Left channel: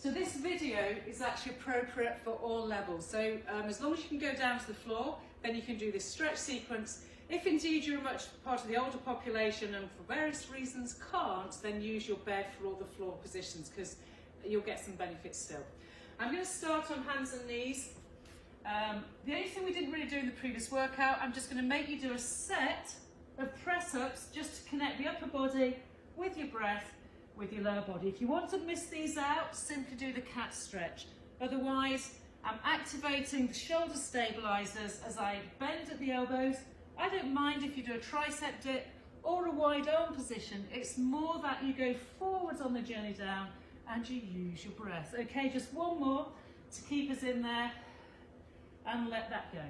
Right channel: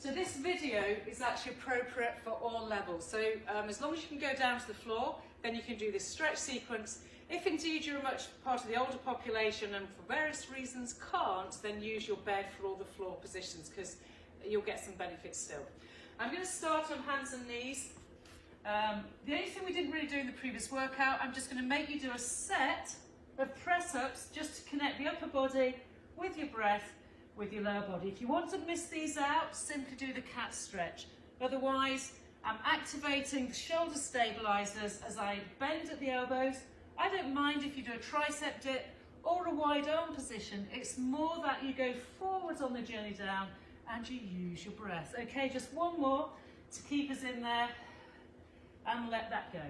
So this video is actually appropriate for all levels. So as long as you can go down to the floor, then you can do this stretch sequence. If indeed you're much part of the older population and for various reasons can't, then use your bed for all the floor positions because you'll get some benefits still. I'm going to start on hands and knees. The only thing we didn't really do in the previous workout, I'm just going to make you do a set of press-ups just to connect the upper body with your breath, with your lower body. If you want to miss these out, simply do the cat stretch. Otherwise, I'm activating the shoulder stabilizers as I bend at the elbows. I don't mind if you do a tricep dip or a wide arm position. It's more that you go forwards on the journey down and you use your breath. Okay, just one more to keep us in there and let that go.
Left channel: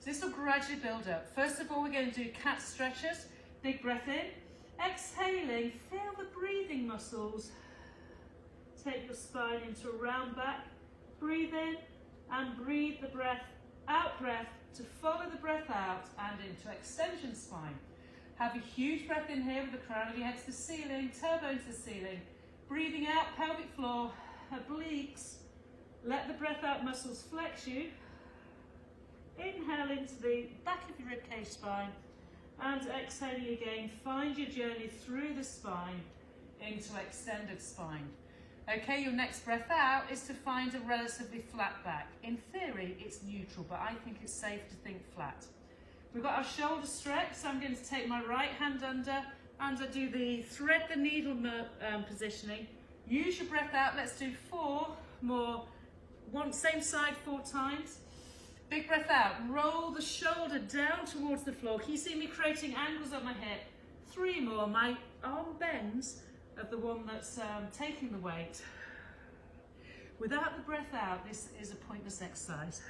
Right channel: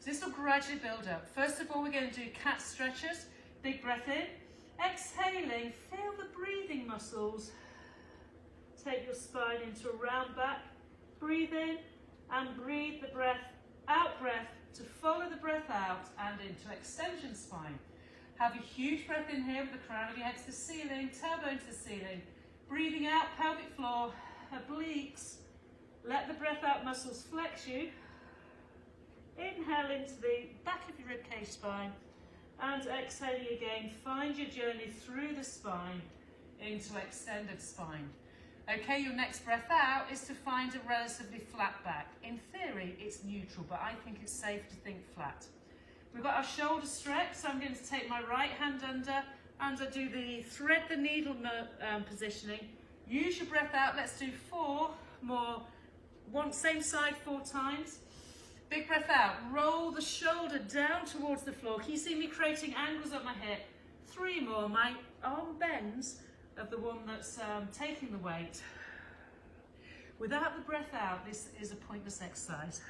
So this will gradually build up. First of all, we're going to do cat stretches. Big breath in. Exhaling, feel the breathing muscles. Take your spine into a round back. Breathe in and breathe the breath, out breath, to follow the breath out and into extension spine. Have a huge breath in here with the crown of your head to the ceiling, tailbone to the ceiling. Breathing out, pelvic floor, obliques. Let the breath out muscles flex you. Inhale into the back of your ribcage spine and exhaling again. Find your journey through the spine into extended spine. Okay, your next breath out is to find a relatively flat back. In theory, it's neutral, but I think it's safe to think flat. We've got our shoulder stretch, so I'm going to take my right hand under and I do the thread the needle positioning. Use your breath out. Let's do 4 more. Same side 4 times. Big breath out. Roll the shoulder down towards the floor. Can you see me creating angles at my hip? 3 more. My arm bends of the one that's taking the weight. Without the breath out, this is a pointless exercise.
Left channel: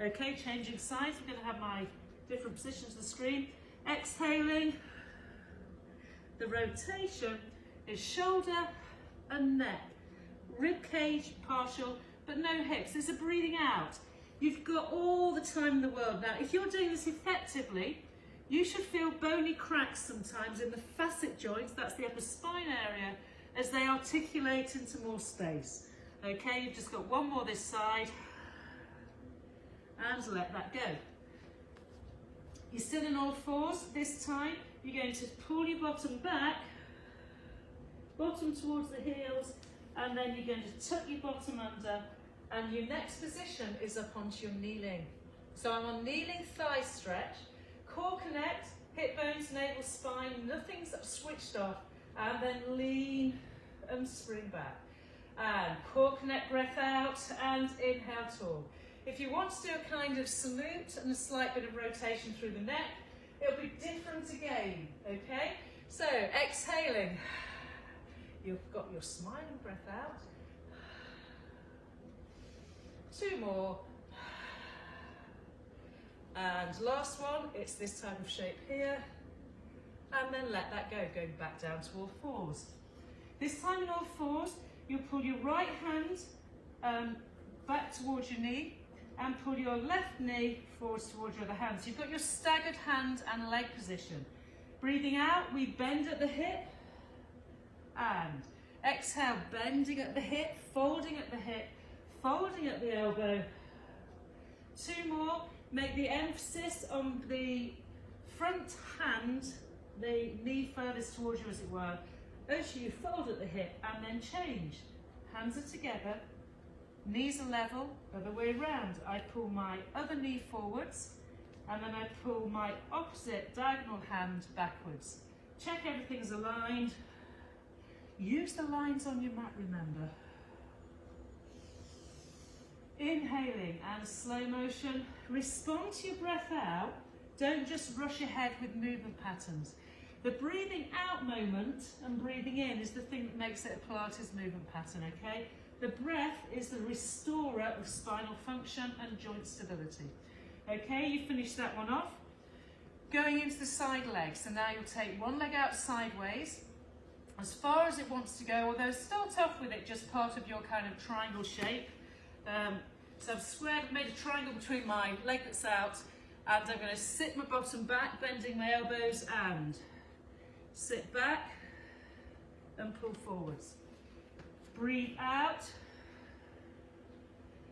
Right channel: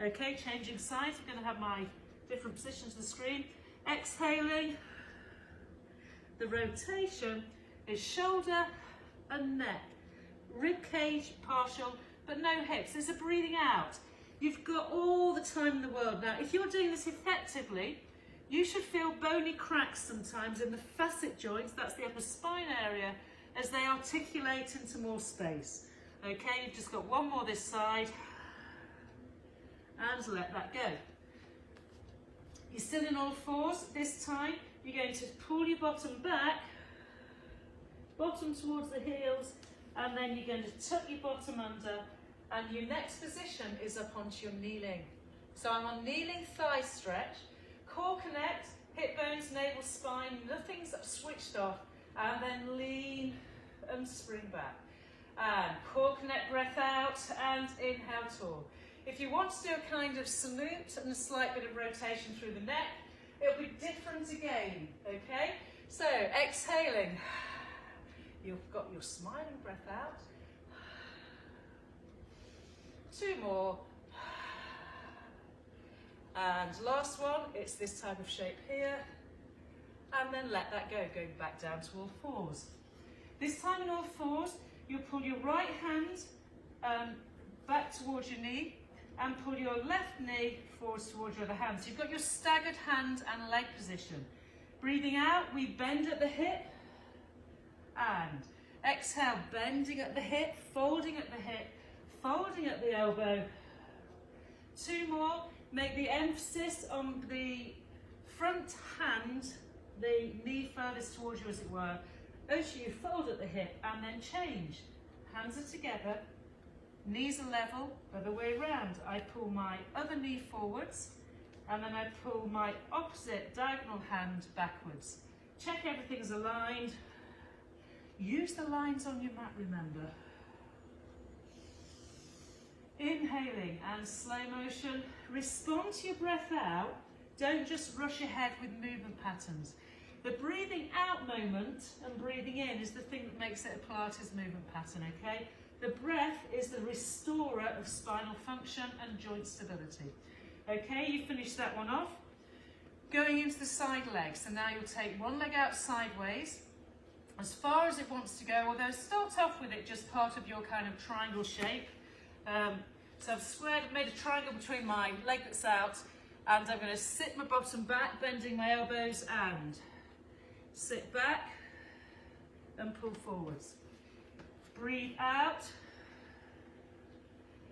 Okay, changing sides. I'm going to have my different positions on the screen. Exhaling. The rotation is shoulder and neck. Rib cage partial, but no hips. There's a breathing out. You've got all the time in the world. Now, if you're doing this effectively, you should feel bony cracks sometimes in the facet joints, that's the upper spine area, as they articulate into more space. Okay, you've just got one more this side, and let that go. You're still in all fours. This time, you're going to pull your bottom back, bottom towards the heels, and then you're going to tuck your bottom under, and your next position is up onto your kneeling. So I'm on kneeling thigh stretch. Core connect, hip bones, navel, spine, nothing's switched off. And then lean and spring back. And core connect, breath out, and inhale, tall. If you want to do a kind of salute and a slight bit of rotation through the neck, it'll be different again, okay? So exhaling, you've got your smiling breath out. 2 more. And last one, it's this type of shape here. And then let that go, going back down to all fours. This time in all fours, you'll pull your right hand back towards your knee and pull your left knee forwards towards your other hand. So you've got your staggered hand and leg position. Breathing out, we bend at the hip and exhale, bending at the hip, folding at the hip, folding at the elbow. 2 more. Make the emphasis on the front hand, the knee furthest towards you as it were. As you fold at the hip and then change. Hands are together, knees are level, other way around. I pull my other knee forwards and then I pull my opposite diagonal hand backwards. Check everything's aligned. Use the lines on your mat, remember. Inhaling and slow motion. Respond to your breath out. Don't just rush ahead with movement patterns. The breathing out moment and breathing in is the thing that makes it a Pilates movement pattern, okay? The breath is the restorer of spinal function and joint stability. Okay, you finish that one off. Going into the side leg. So now you'll take one leg out sideways, as far as it wants to go, although start off with it just part of your kind of triangle shape. So I've made a triangle between my leg that's out, and I'm going to sit my bottom back, bending my elbows, and sit back and pull forwards. Breathe out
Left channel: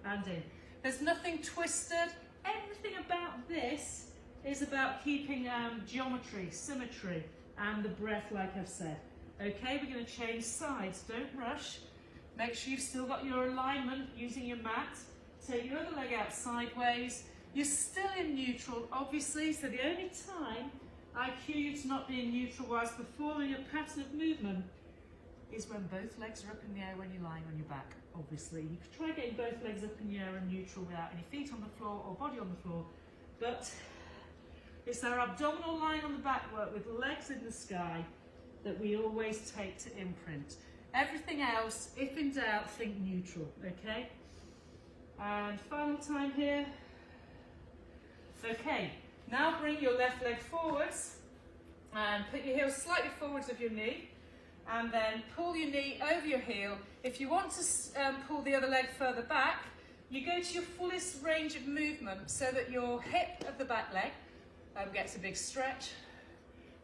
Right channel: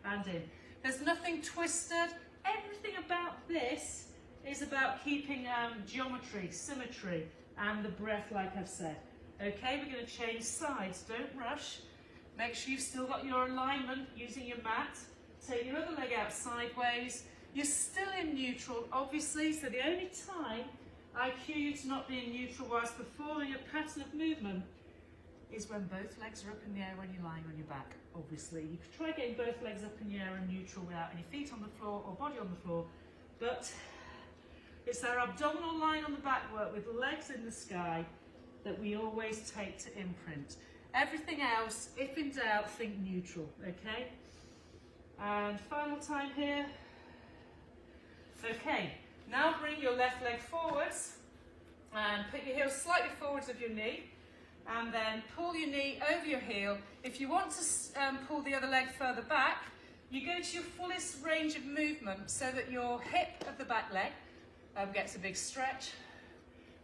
and in. There's nothing twisted. Everything about this is about keeping geometry, symmetry, and the breath, like I've said. Okay, we're going to change sides. Don't rush. Make sure you've still got your alignment using your mat. Take your other leg out sideways. You're still in neutral, obviously, so the only time I cue you to not be in neutral whilst performing a pattern of movement is when both legs are up in the air when you're lying on your back, obviously. You could try getting both legs up in the air and neutral without any feet on the floor or body on the floor, but it's our abdominal line on the back work with legs in the sky that we always take to imprint. Everything else, if in doubt, think neutral, okay? And final time here. Okay, now bring your left leg forwards and put your heel slightly forwards of your knee, and then pull your knee over your heel. If you want to pull the other leg further back, you go to your fullest range of movement so that your hip of the back leg gets a big stretch,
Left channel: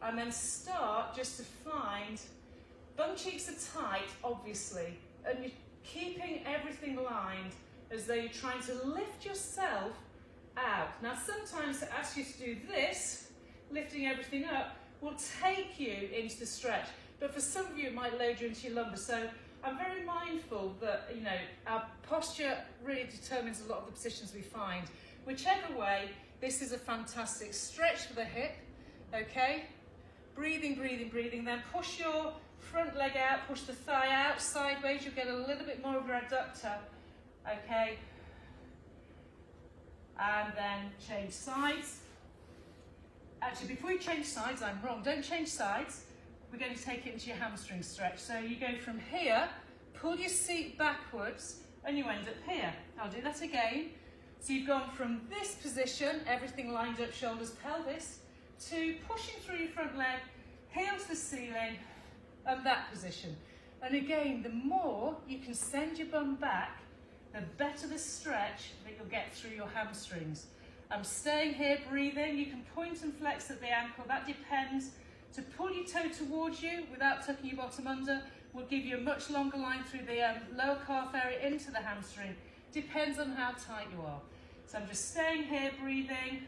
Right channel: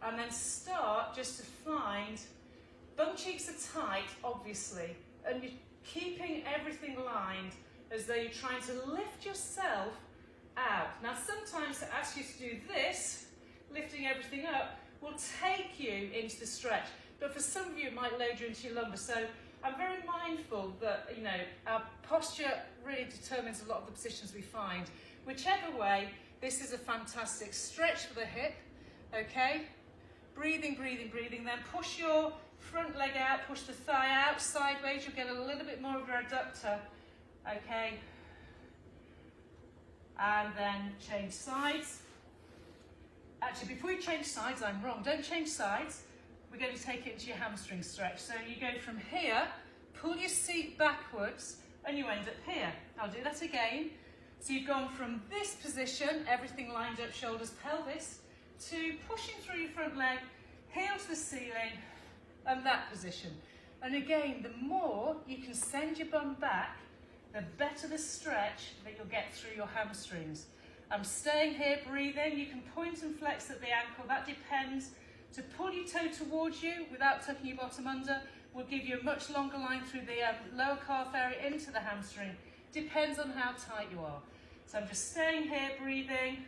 and then start just to find bum cheeks are tight, obviously, and you're keeping everything lined as though you're trying to lift yourself out. Now, sometimes to ask you to do this, lifting everything up, will take you into the stretch, but for some of you, it might load you into your lumbar. So I'm very mindful that, you know, our posture really determines a lot of the positions we find. Whichever way, this is a fantastic stretch for the hip, okay? Breathing, breathing, breathing, then push your front leg out, push the thigh out sideways, you'll get a little bit more of your adductor, okay? And then change sides. Actually, before you change sides, I'm wrong, don't change sides. We're going to take it into your hamstring stretch. So you go from here, pull your seat backwards, and you end up here. I'll do that again. So you've gone from this position, everything lined up, shoulders, pelvis, to pushing through your front leg, heel to the ceiling, and that position. And again, the more you can send your bum back, the better the stretch that you'll get through your hamstrings. I'm staying here, breathing. You can point and flex at the ankle, that depends. To pull your toe towards you without tucking your bottom under will give you a much longer line through the lower calf area into the hamstring. Depends on how tight you are. So I'm just staying here, breathing,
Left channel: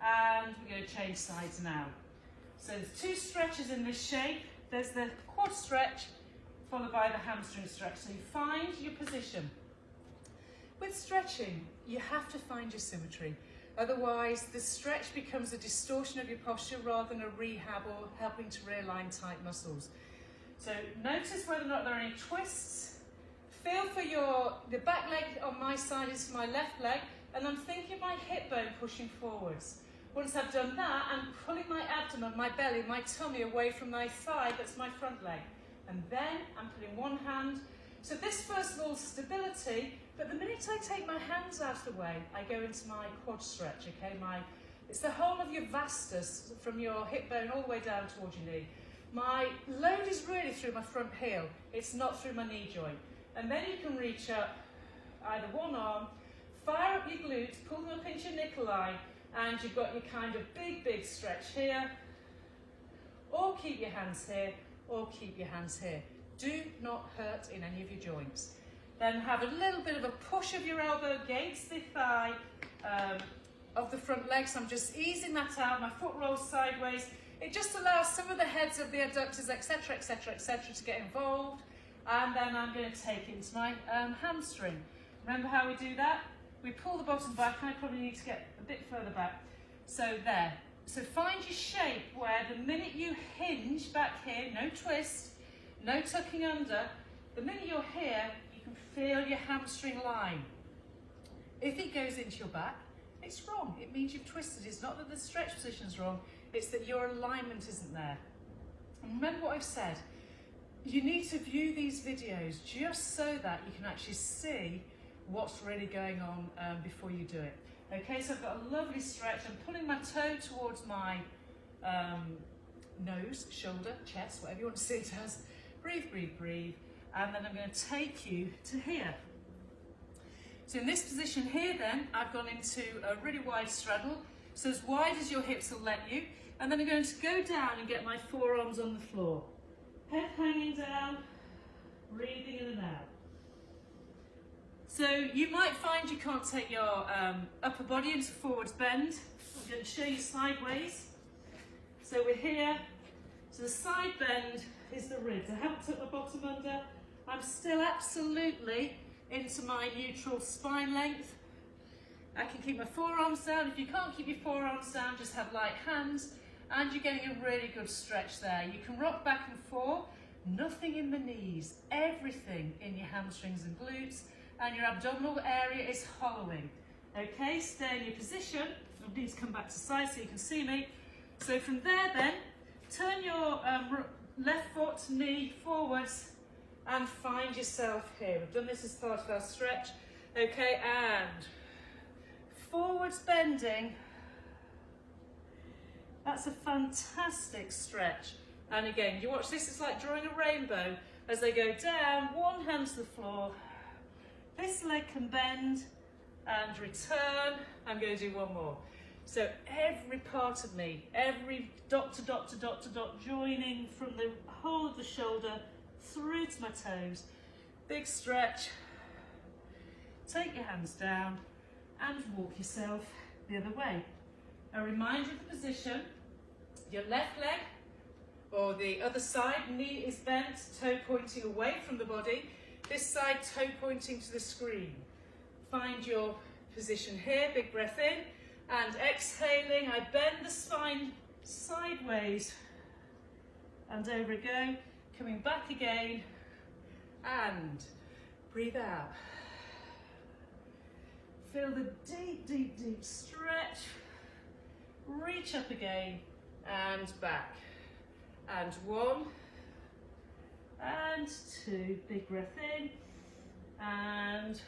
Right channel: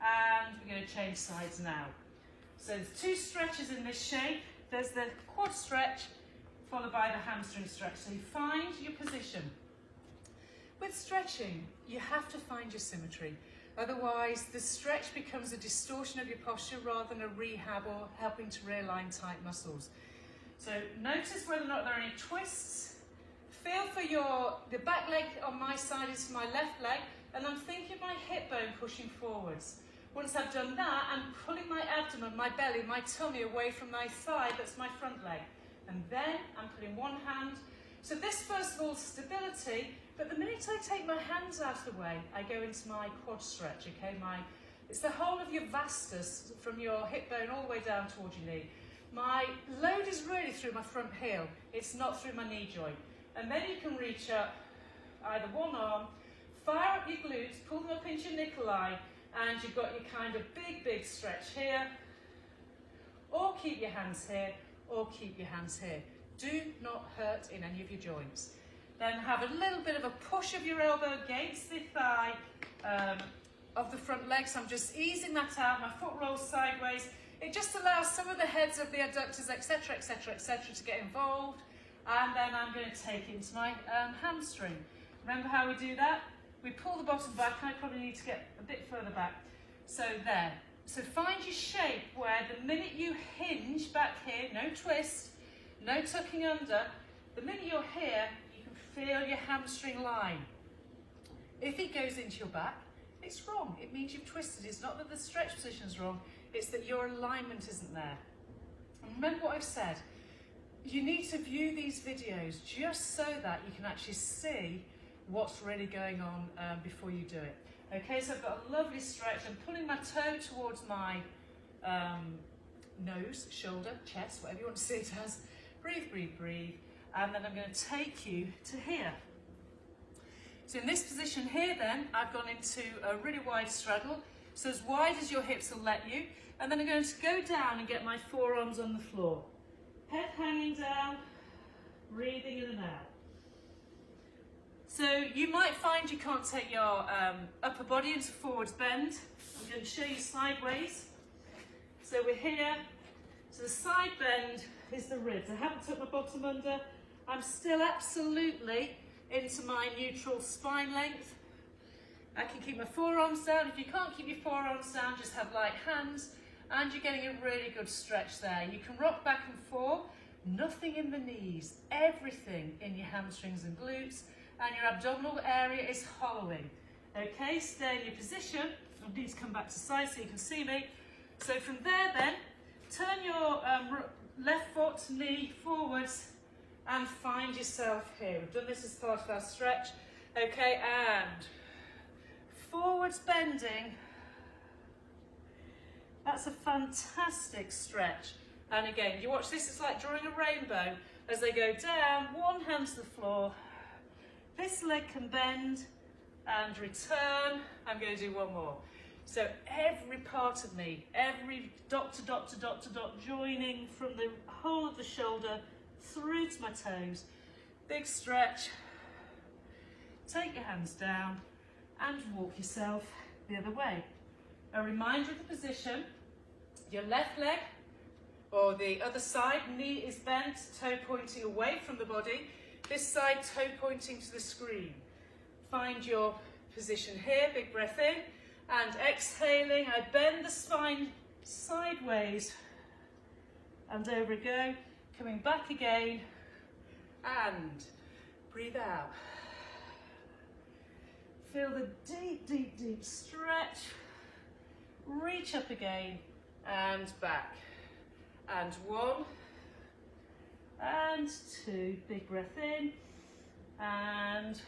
and we're going to change sides now. So there's two stretches in this shape. There's the quad stretch followed by the hamstring stretch. So you find your position. With stretching, you have to find your symmetry. Otherwise, the stretch becomes a distortion of your posture rather than a rehab or helping to realign tight muscles. So notice whether or not there are any twists. Feel for the back leg on my side is my left leg, and I'm thinking my hip bone pushing forwards. Once I've done that, I'm pulling my abdomen, my belly, my tummy away from my thigh, that's my front leg. And then I'm putting one hand. So this, first of all, stability, but the minute I take my hands out of the way, I go into my quad stretch, okay? It's the whole of your vastus, from your hip bone all the way down towards your knee. My load is really through my front heel. It's not through my knee joint. And then you can reach up either one arm, fire up your glutes, pull them up into your nickel line, and you've got your kind of big stretch here. Or keep your hands here, or keep your hands here. Do not hurt in any of your joints. Then have a little bit of a push of your elbow against the thigh of the front leg. So I'm just easing that out. My foot rolls sideways. It just allows some of the heads of the adductors, etc., etc., etc., to get involved. And then I'm going to take it into my hamstring. Remember how we do that? We pull the bottom back. I probably need to get a bit further back. So there. So find your shape where the minute you hinge back here, no twist, no tucking under, the minute you're here, you can feel your hamstring line. If it goes into your back, it's wrong. It means you've twisted. It's not that the stretch position's wrong, it's that your alignment isn't there. And remember what I've said. You need to view these videos just so that you can actually see what's really going on before you do it. Okay, so I've got a lovely stretch. I'm pulling my toe towards my nose, shoulder, chest, whatever you want to see it as. Breathe, breathe, breathe. And then I'm going to take you to here. So in this position here then, I've gone into a really wide straddle. So as wide as your hips will let you. And then I'm going to go down and get my forearms on the floor. Head hanging down. breathing in and out. So you might find you can't take your upper body into forwards bend. I'm going to show you sideways. So we're here. So the side bend is the ribs. I haven't tucked my bottom under. I'm still absolutely into my neutral spine length. I can keep my forearms down. If you can't keep your forearms down, just have light hands, and you're getting a really good stretch there. You can rock back and forth, nothing in the knees, everything in your hamstrings and glutes, and your abdominal area is hollowing. Okay, stay in your position. I need to come back to side so you can see me. So from there then, turn your left foot, knee forwards, and find yourself here. We've done this as part of our stretch. Okay, and forwards bending. That's a fantastic stretch. And again, you watch this, it's like drawing a rainbow. As they go down, one hand to the floor. This leg can bend and return. I'm going to do one more. So every part of me, every dot to dot to dot to dot, joining from the whole of the shoulder through to my toes. Big stretch. Take your hands down and walk yourself the other way. A reminder of the position. Your left leg or the other side, knee is bent, toe pointing away from the body. This side, toe pointing to the screen. Find your position here, big breath in, and exhaling, I bend the spine sideways, and over we go, coming back again, and breathe out. Feel the deep, deep, deep stretch, reach up again, and back, and one, and two, big breath in, and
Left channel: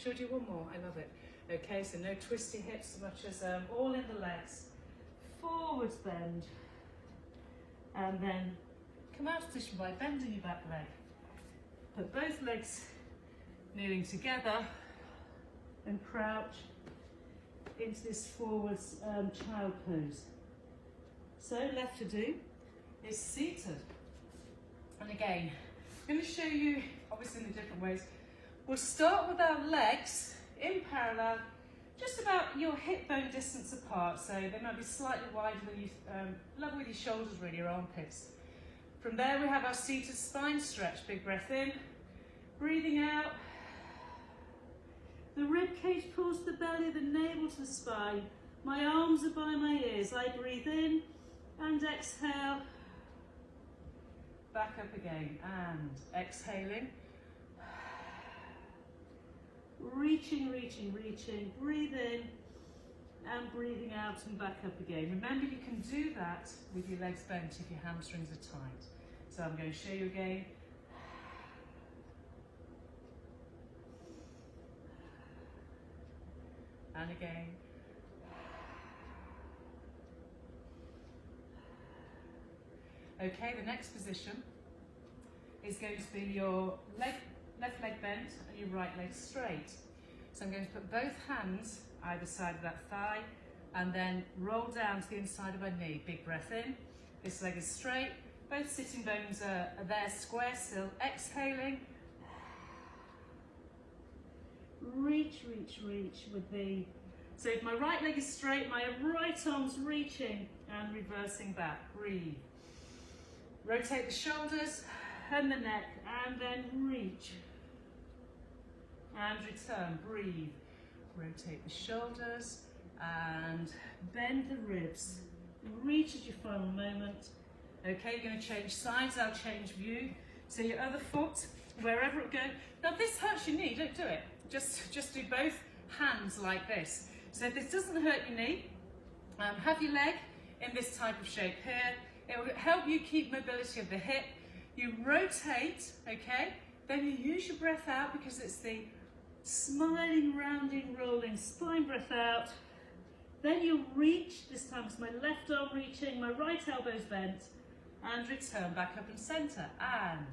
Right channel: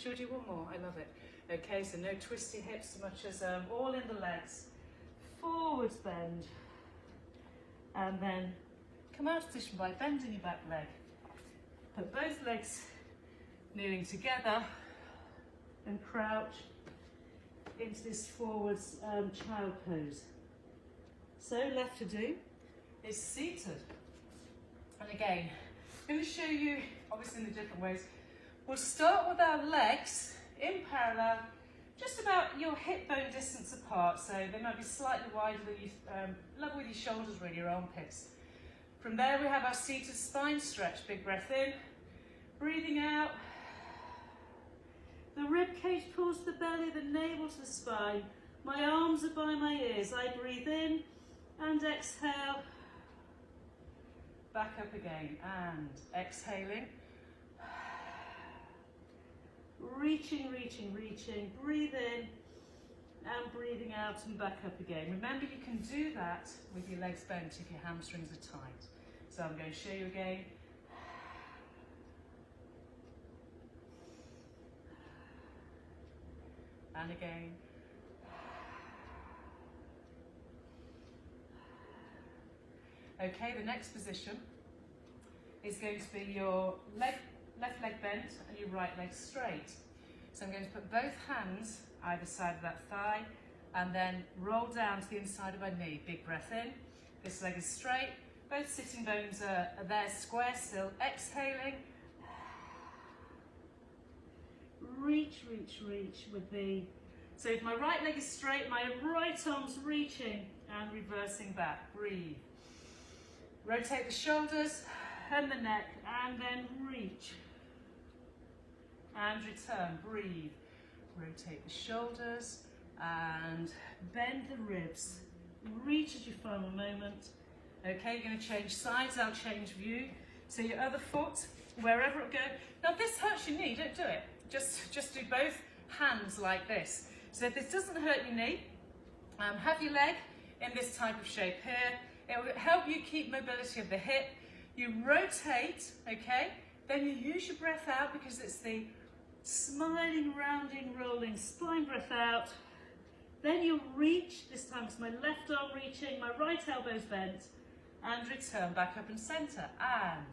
should we do one more? I love it. Okay, so no twisting hips so much as all in the legs. Forwards bend, and then come out of position by bending your back leg. Put both legs kneeling together and crouch into this forwards child pose. So left to do is seated. And again, I'm going to show you, obviously in the different ways. We'll start with our legs in parallel, just about your hip bone distance apart, so they might be slightly wider than you, level with your shoulders really, your armpits. From there we have our seated spine stretch. Big breath in, breathing out. The rib cage pulls to the belly, the navel to the spine. My arms are by my ears. I breathe in and exhale. Back up again and exhaling. Reaching, reaching, reaching. Breathe in and breathing out and back up again. Remember, you can do that with your legs bent if your hamstrings are tight. So I'm going to show you again. And again. Okay, the next position is going to be your left leg bent and your right leg straight. So I'm going to put both hands either side of that thigh and then roll down to the inside of my knee. Big breath in. This leg is straight. Both sitting bones are there square still. Exhaling. Reach, reach, reach with the... So if my right leg is straight, my right arm's reaching and reversing back. Breathe. Rotate the shoulders and the neck and then reach. And return. Breathe. Rotate the shoulders and bend the ribs. Reach at your final moment. Okay, you're going to change sides. I'll change view. So your other foot, wherever it goes. Now if this hurts your knee, don't do it. Just do both hands like this. So if this doesn't hurt your knee, have your leg in this type of shape here. It will help you keep mobility of the hip. You rotate, okay? Then you use your breath out because it's the smiling, rounding, rolling spine breath out. Then you'll reach, this time it's my left arm reaching, my right elbow's bent, and return back up and center. And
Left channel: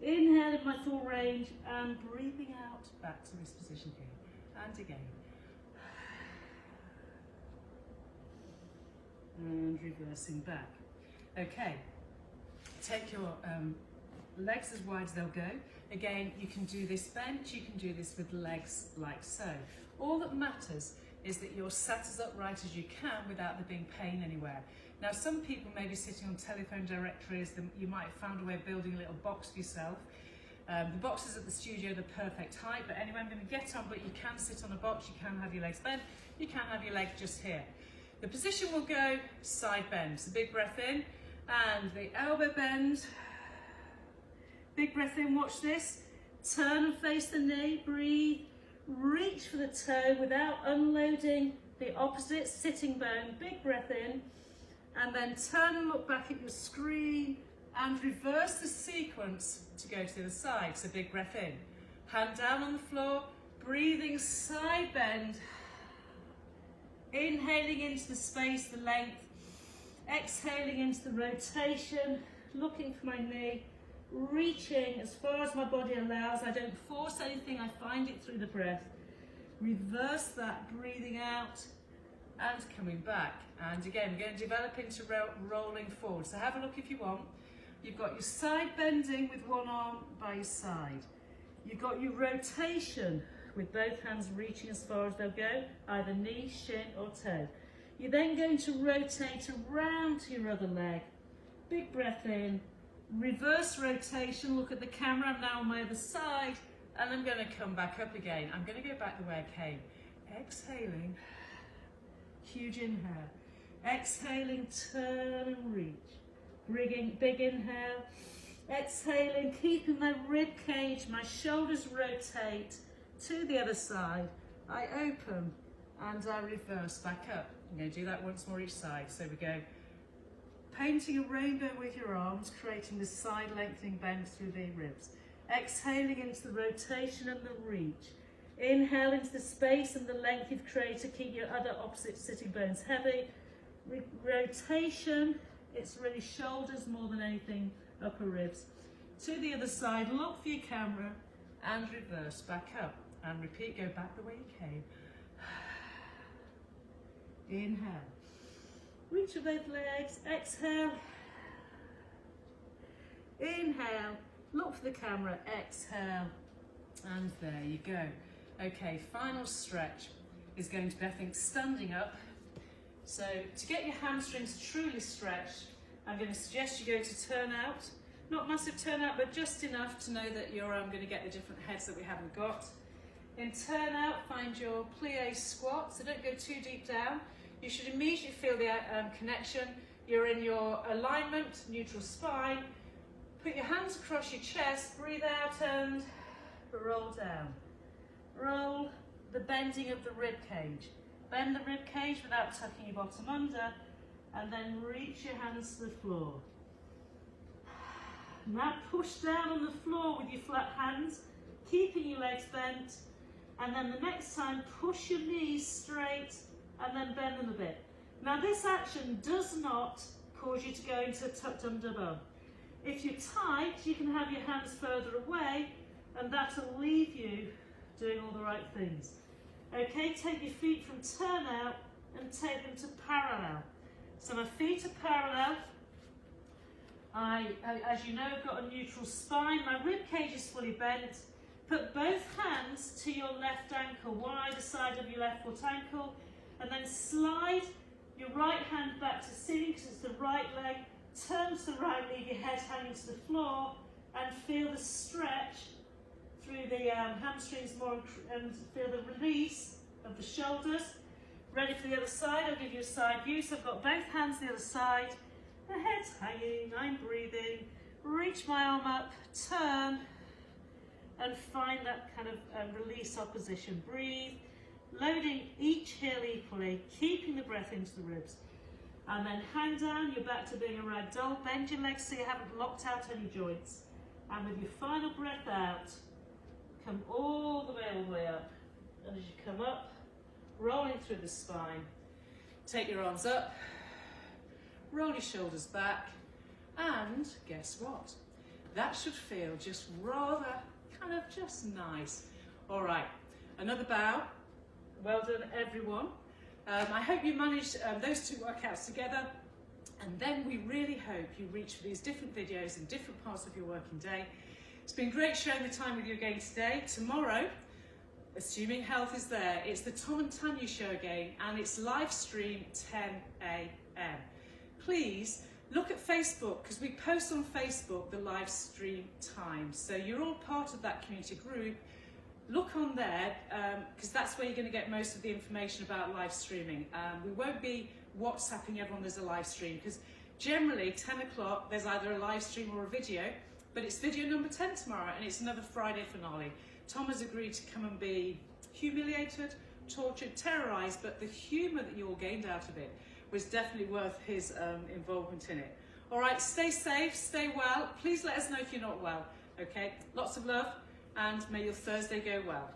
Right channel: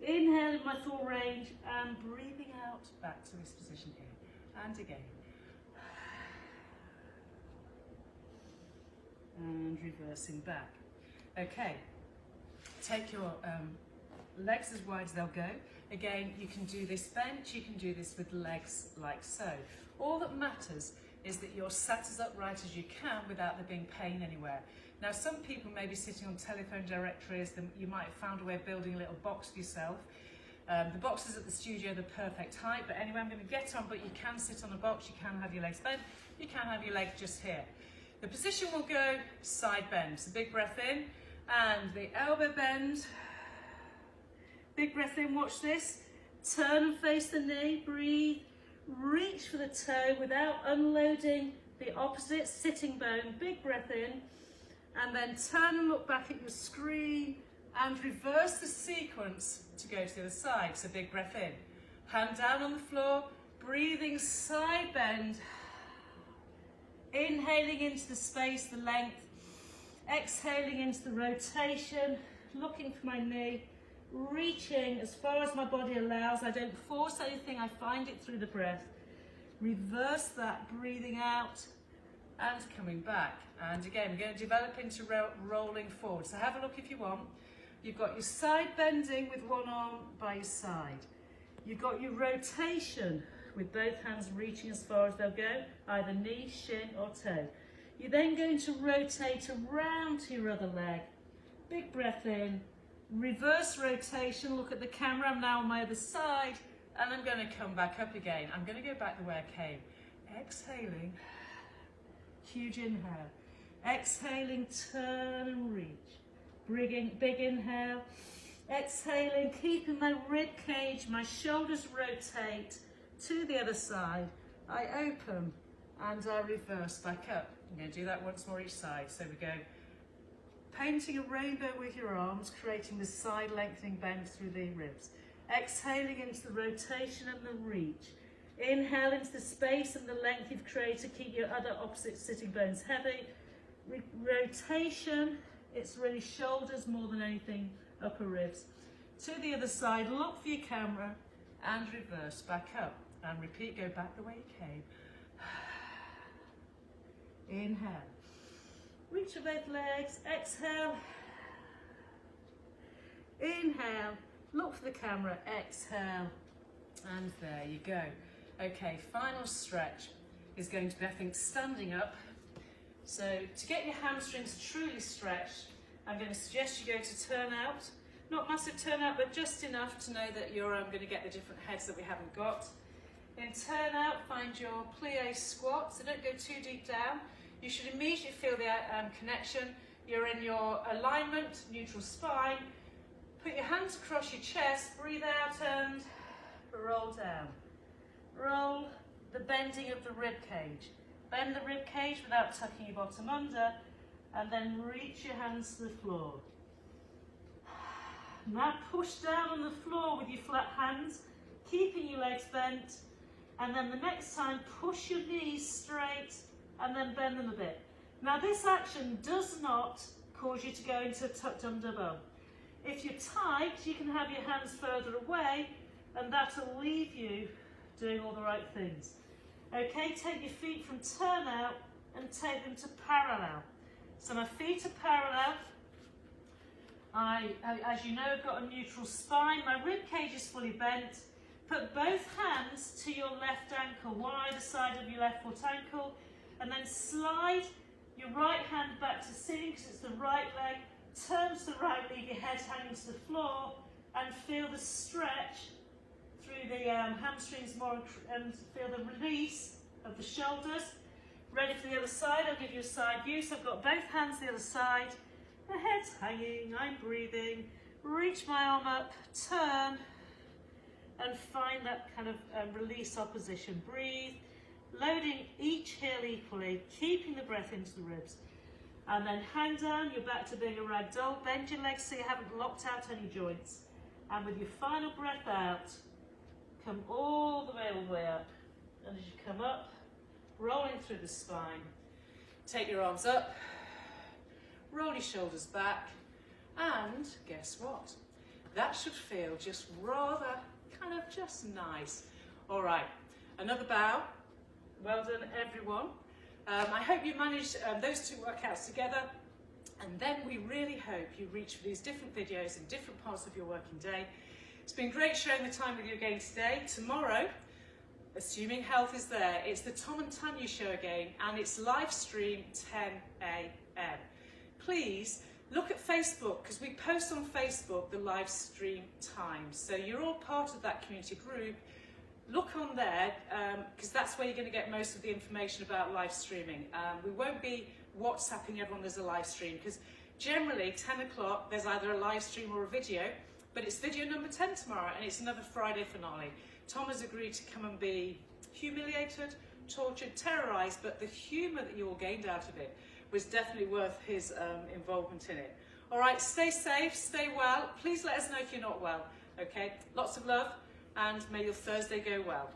inhale in my full range and breathing out back to this position here. And again. And reversing back. Okay, take your legs as wide as they'll go. Again, you can do this bent, you can do this with legs like so. All that matters is that you're sat as upright as you can without there being pain anywhere. Now, some people may be sitting on telephone directories, you might have found a way of building a little box for yourself. The boxes at the studio are the perfect height, but anyway, I'm going to get on, but you can sit on a box, you can have your legs bent, you can have your leg just here. The position will go side bend, so big breath in, and the elbow bend. Big breath in, watch this. Turn and face the knee, breathe. Reach for the toe without unloading the opposite sitting bone. Big breath in, and then turn and look back at your screen and reverse the sequence to go to the side. So big breath in, hand down on the floor, breathing side bend, inhaling into the space, the length, exhaling into the rotation, looking for my knee, reaching as far as my body allows. I don't force anything, I find it through the breath. Reverse that, breathing out and coming back. And again, we're going to develop into rolling forward. So have a look if you want. You've got your side bending with one arm by your side. You've got your rotation with both hands reaching as far as they'll go, either knee, shin or toe. You're then going to rotate around to your other leg. Big breath in, reverse rotation, look at the camera, I'm now on my other side, and I'm going to come back up again. I'm going to go back the way I came. Exhaling, huge inhale. Exhaling, turn and reach. Big inhale. Exhaling, keeping my rib cage, my shoulders rotate to the other side. I open and I reverse back up. I'm going to do that once more each side. So we go painting a rainbow with your arms, creating the side lengthening bend through the ribs. Exhaling into the rotation and the reach. Inhale into the space and the length you've created. Keep your other opposite sitting bones heavy. Rotation, it's really shoulders more than anything, upper ribs. To the other side, look for your camera and reverse back up. And repeat, go back the way you came. Inhale. Reach your both legs, exhale. Inhale, look for the camera, exhale. And there you go. Okay, final stretch is going to be, I think, standing up. So to get your hamstrings truly stretched, I'm going to suggest you go to turn out. Not massive turn out, but just enough to know that you're going to get the different heads that we haven't got. In turn out, find your plie squat, so don't go too deep down. You should immediately feel the connection. You're in your alignment, neutral spine. Put your hands across your chest, breathe out and roll down. Roll the bending of the rib cage. Bend the rib cage without tucking your bottom under, and then reach your hands to the floor. Now push down on the floor with your flat hands, keeping your legs bent, and then the next time push your knees straight and then bend them a bit. Now this action does not cause you to go into a tucked under bum. If you're tight, you can have your hands further away, and that'll leave you doing all the right things. Okay, take your feet from turn out and take them to parallel. So my feet are parallel. As you know, I've got a neutral spine. My rib cage is fully bent. Put both hands to your left ankle, one either side of your left foot ankle, and then slide your right hand back to ceiling because it's the right leg. Turn to the right, leave your head hanging to the floor, and feel the stretch through the hamstrings more, and feel the release of the shoulders. Ready for the other side? I'll give you a side view. So I've got both hands the other side. The head's hanging, I'm breathing. Reach my arm up, turn, and find that kind of release opposition. Breathe, loading each heel equally, keeping the breath into the ribs. And then hang down, you're back to being a ragdoll. Bend your legs so you haven't locked out any joints. And with your final breath out, come all the way up. And as you come up, rolling through the spine, take your arms up, roll your shoulders back, and guess what? That should feel just rather kind of just nice. All right, another bow. Well done, everyone. I hope you managed those two workouts together, and then again, we really hope you reach for these different videos in different parts of your working day. It's been great sharing the time with you again today. Tomorrow, assuming health is there, it's the Tom and Tanya show again, and it's live stream 10 a.m. Please look at Facebook, because we post on Facebook the live stream times. So you're all part of that community group. Look on there, because that's where you're going to get most of the information about live streaming. We won't be WhatsApping everyone there's a live stream, because generally 10 o'clock there's either a live stream or a video, but it's video number 10 tomorrow, and it's another Friday finale. Tom has agreed to come and be humiliated, tortured, terrorised, but the humour that you all gained out of it was definitely worth his involvement in it. All right, stay safe, stay well. Please let us know if you're not well, okay? Lots of love, and may your Thursday go well.